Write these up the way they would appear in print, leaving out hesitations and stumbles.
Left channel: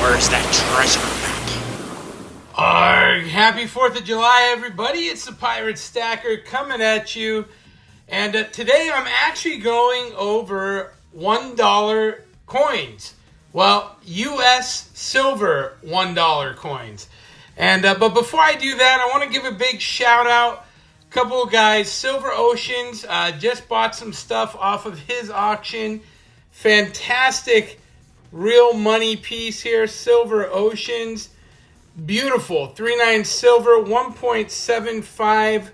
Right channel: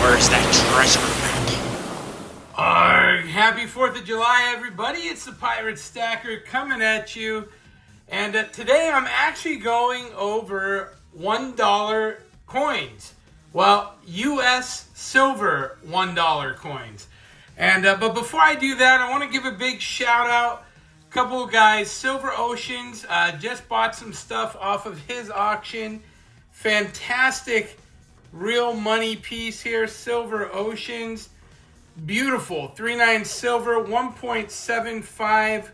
Where's that treasure map? Arg! Happy 4th of July, everybody. It's the Pirate Stacker coming at you. And today I'm actually going over $1 coins. Well, U.S. silver $1 coins. And but before I do that, I want to give a big shout out. A couple of guys, Silver Oceans, just bought some stuff off of his auction. Fantastic real money piece here, Silver Oceans. Beautiful, 3.9 silver, 1.75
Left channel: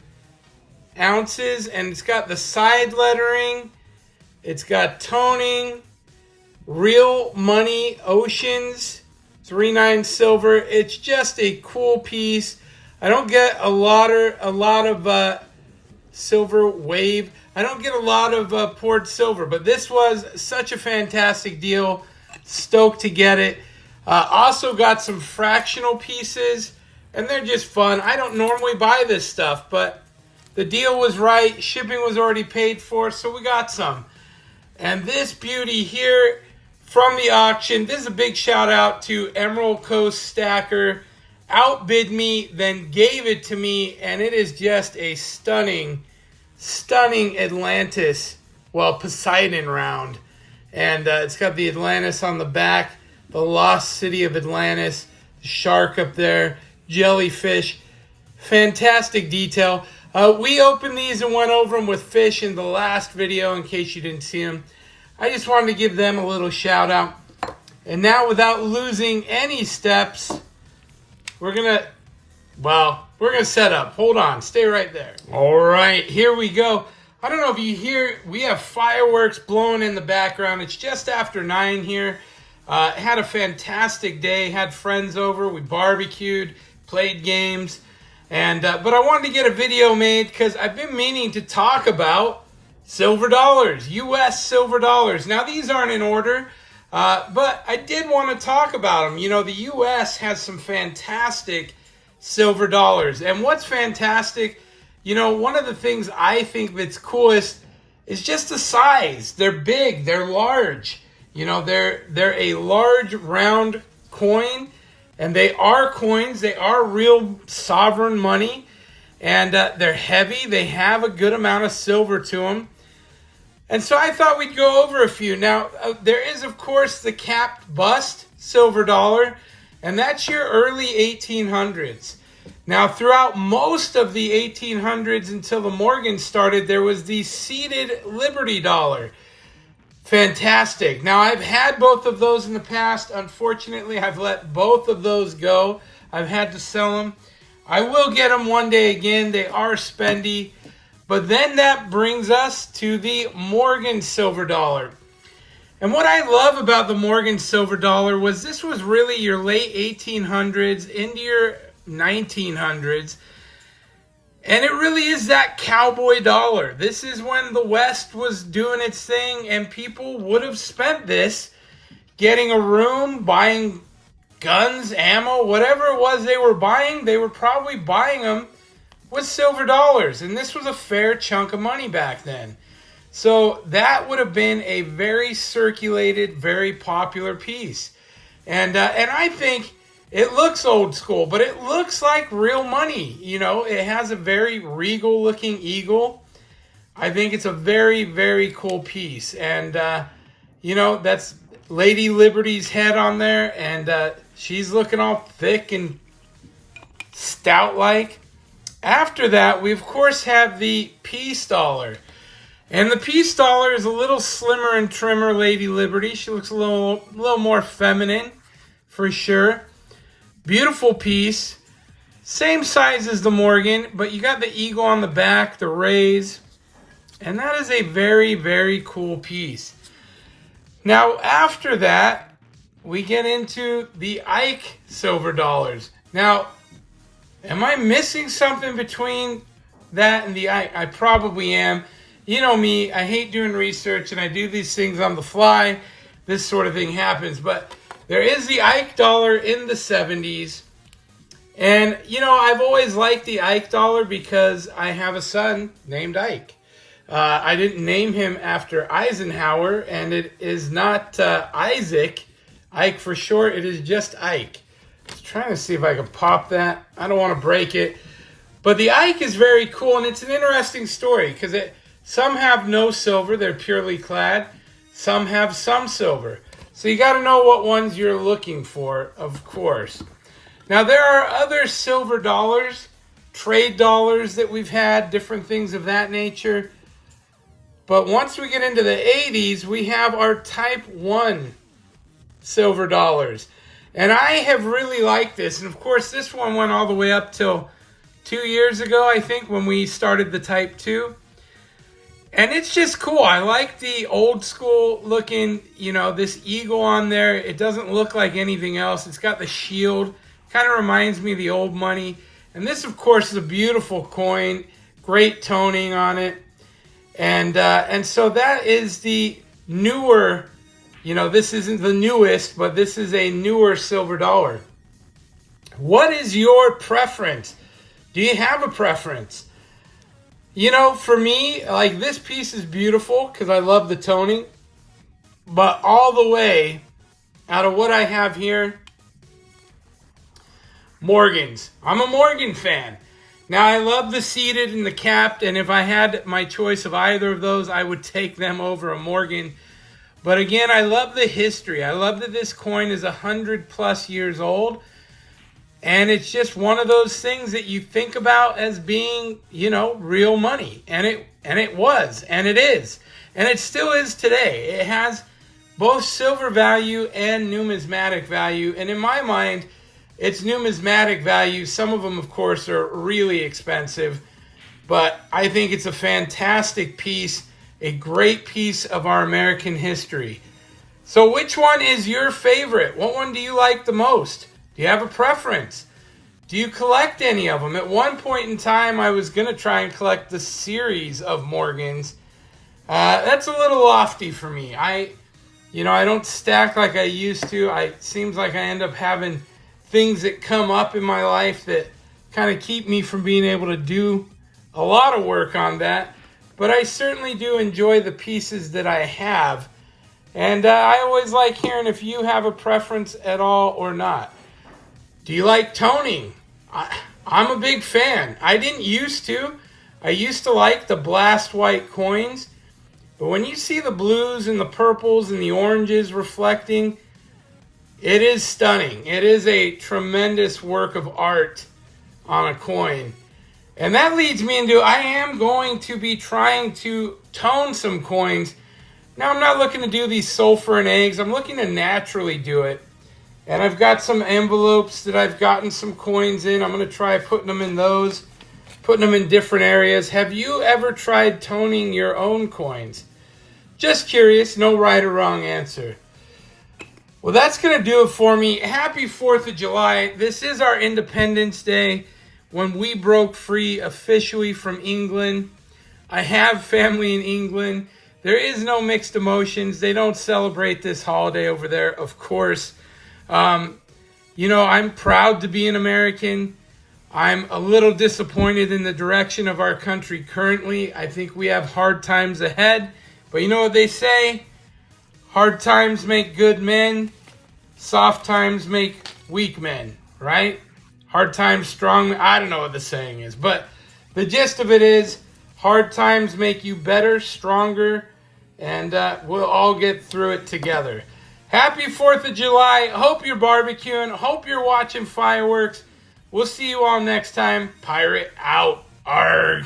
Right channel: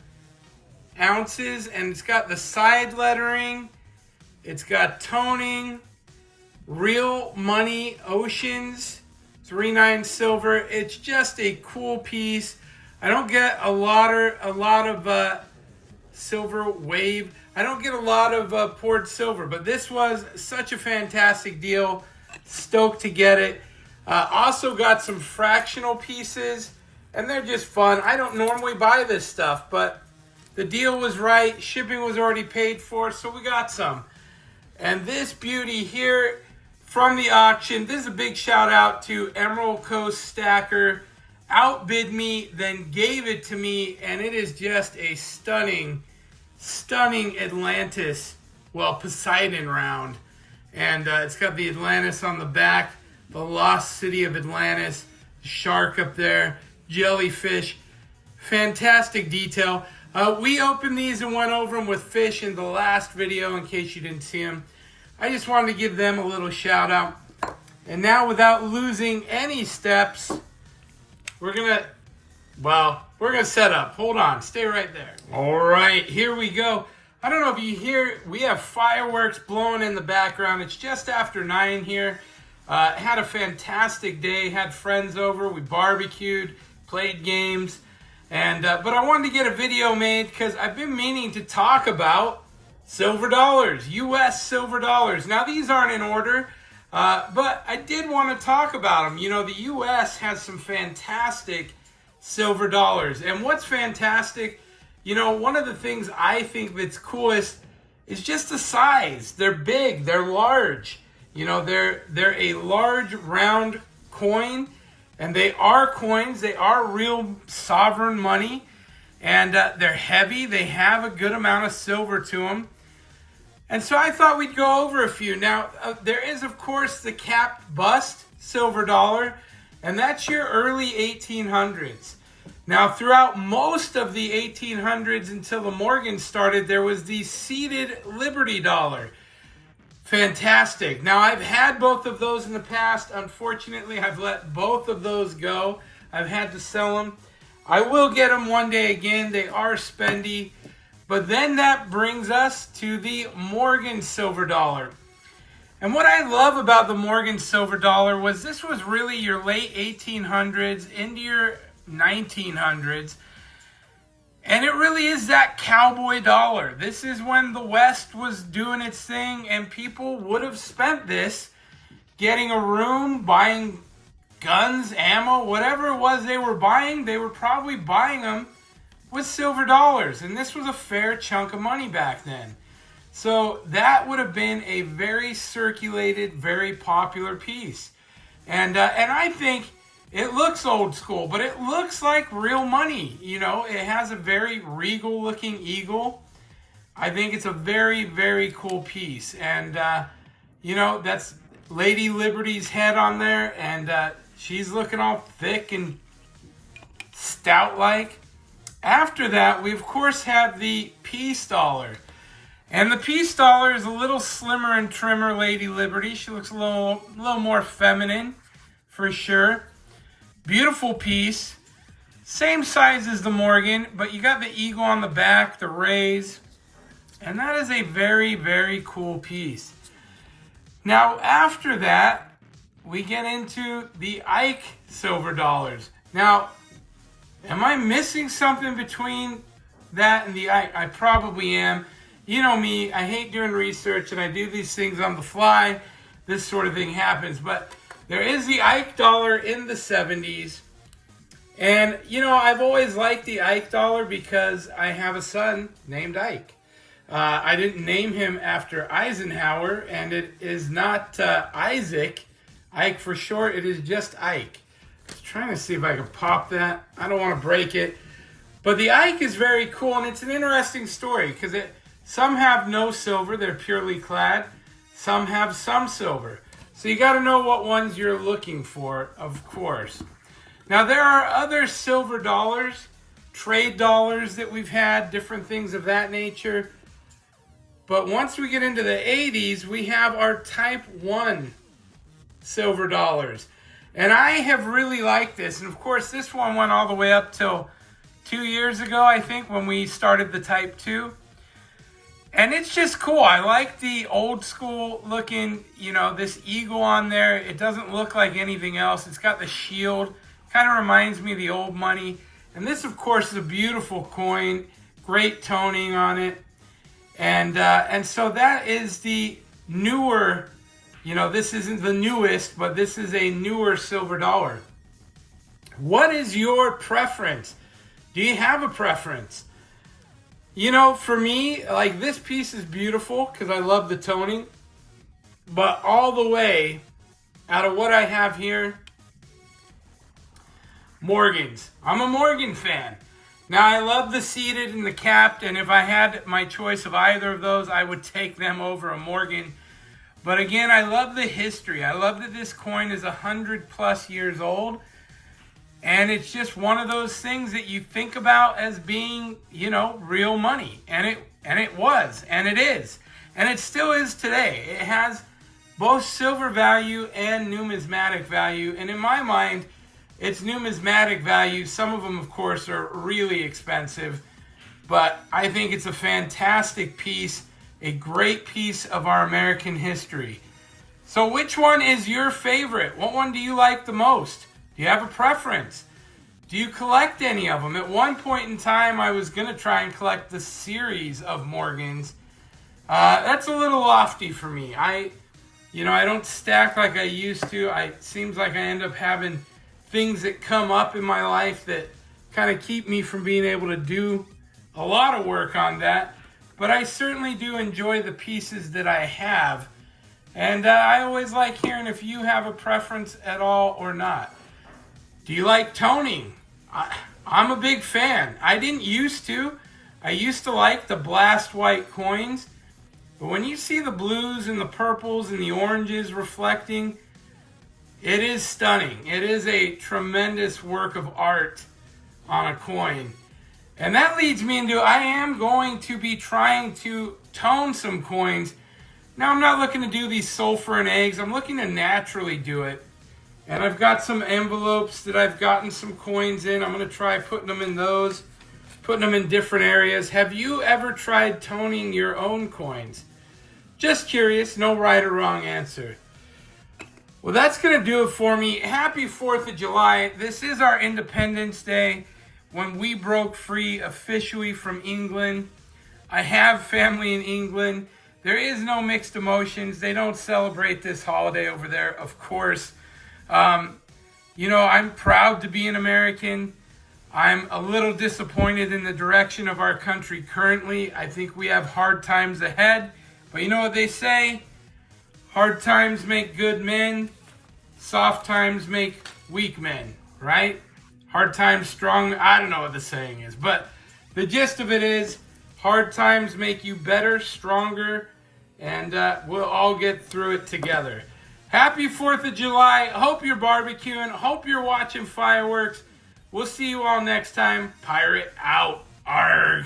ounces, and it's got the side lettering. It's got toning, real money Oceans, 3.9 silver. It's just a cool piece. I don't get a lot of silver wave. I don't get a lot of poured silver, but this was such a fantastic deal. Stoked to get it. Also got some fractional pieces, and they're just fun. I don't normally buy this stuff, but the deal was right. Shipping was already paid for, so we got some. And this beauty here from the auction, this is a big shout out to Emerald Coast Stacker. Outbid me, then gave it to me, and it is just a stunning Atlantis, well, Poseidon round. And it's got the Atlantis on the back, the lost city of Atlantis, shark up there, jellyfish. Fantastic detail. We opened these and went over them with fish in the last video in case you didn't see them. I just wanted to give them a little shout out. And now, without losing any steps, we're gonna set up. Hold on, stay right there. All right, here we go. I don't know if you hear, we have fireworks blowing in the background. It's just after 9 here. Had a fantastic day, had friends over, we barbecued, played games, and but I wanted to get a video made because I've been meaning to talk about silver dollars, U.S. silver dollars. Now, these aren't in order, but I did want to talk about them. You know, the U.S. has some fantastic silver dollars, and what's fantastic, you know, one of the things I think that's coolest is just the size. They're big, they're large. You know, they're a large round coin, and they are coins. They are real sovereign money, and they're heavy. They have a good amount of silver to them. And so I thought we'd go over a few. Now, there is, of course, the capped bust silver dollar, and that's your early 1800s. Now, throughout most of the 1800s until the Morgans started, there was the seated Liberty dollar. Fantastic. Now, I've had both of those in the past. Unfortunately, I've let both of those go. I've had to sell them. I will get them one day again. They are spendy. But then that brings us to the Morgan silver dollar. And what I love about the Morgan silver dollar was this was really your late 1800s into your 1900s. And it really is that cowboy dollar. This is when the West was doing its thing, and people would have spent this getting a room, buying guns, ammo, whatever it was they were buying. They were probably buying them with silver dollars, and this was a fair chunk of money back then. So that would have been a very circulated, very popular piece. And I think it looks old school, but it looks like real money. You know, it has a very regal looking eagle. I think it's a very, very cool piece. And, you know, that's Lady Liberty's head on there. And she's looking all thick and stout-like. After that, we, of course, have the peace dollar. And the peace dollar is a little slimmer and trimmer Lady Liberty. She looks a little more feminine, for sure. Beautiful piece. Same size as the Morgan, but you got the eagle on the back, the rays. And that is a very, very cool piece. Now, after that, we get into the Ike silver dollars. Now, am I missing something between that and the Ike? I probably am. You know me, I hate doing research, and I do these things on the fly. This sort of thing happens, but there is the Ike dollar in the 70s. And, you know, I've always liked the Ike dollar because I have a son named Ike. I didn't name him after Eisenhower, and it is not Isaac, Ike for short. It is just Ike. Just trying to see if I can pop that. I don't want to break it. But the Ike is very cool, and it's an interesting story because some have no silver. They're purely clad. Some have some silver. So you got to know what ones you're looking for, of course. Now, there are other silver dollars, trade dollars that we've had, different things of that nature. But once we get into the 80s, we have our Type 1 silver dollars. And I have really liked this. And, of course, this one went all the way up till 2 years ago, I think, when we started the Type 2. And it's just cool. I like the old school looking, this eagle on there. It doesn't look like anything else. It's got the shield. Kind of reminds me of the old money. And this, of course, is a beautiful coin. Great toning on it. And so that is the newer, this isn't the newest, but this is a newer silver dollar. What is your preference? Do you have a preference? For me, like, this piece is beautiful because I love the toning. But all the way out of what I have here, Morgans. I'm a Morgan fan. Now, I love the seated and the capped, and if I had my choice of either of those, I would take them over a Morgan. But again, I love the history. I love that this coin is 100+ years old. And it's just one of those things that you think about as being, real money. And it was, and it is. And it still is today. It has both silver value and numismatic value. And in my mind, it's numismatic value. Some of them, of course, are really expensive. But I think it's a fantastic piece, a great piece of our American history. So which one is your favorite? What one do you like the most? Do you have a preference? Do you collect any of them? At one point in time, I was going to try and collect the series of Morgans. That's a little lofty for me. I don't stack like I used to. It seems like I end up having things that come up in my life that kind of keep me from being able to do a lot of work on that. But I certainly do enjoy the pieces that I have. And I always like hearing if you have a preference at all or not. Do you like toning? I'm a big fan. I didn't used to. I used to like the blast white coins. But when you see the blues and the purples and the oranges reflecting, it is stunning. It is a tremendous work of art on a coin. And that leads me into, I am going to be trying to tone some coins. Now, I'm not looking to do these sulfur and eggs. I'm looking to naturally do it. And I've got some envelopes that I've gotten some coins in. I'm going to try putting them in those, putting them in different areas. Have you ever tried toning your own coins? Just curious, no right or wrong answer. Well, that's going to do it for me. Happy 4th of July. This is our Independence Day, when we broke free officially from England. I have family in England. There is no mixed emotions. They don't celebrate this holiday over there, of course. I'm proud to be an American. I'm a little disappointed in the direction of our country currently. I think we have hard times ahead. But you know what they say? Hard times make good men. Soft times make weak men, right? Hard times, strong. I don't know what the saying is. But the gist of it is, hard times make you better, stronger, and we'll all get through it together. Happy 4th of July. Hope you're barbecuing. Hope you're watching fireworks. We'll see you all next time. Pirate out. Arg.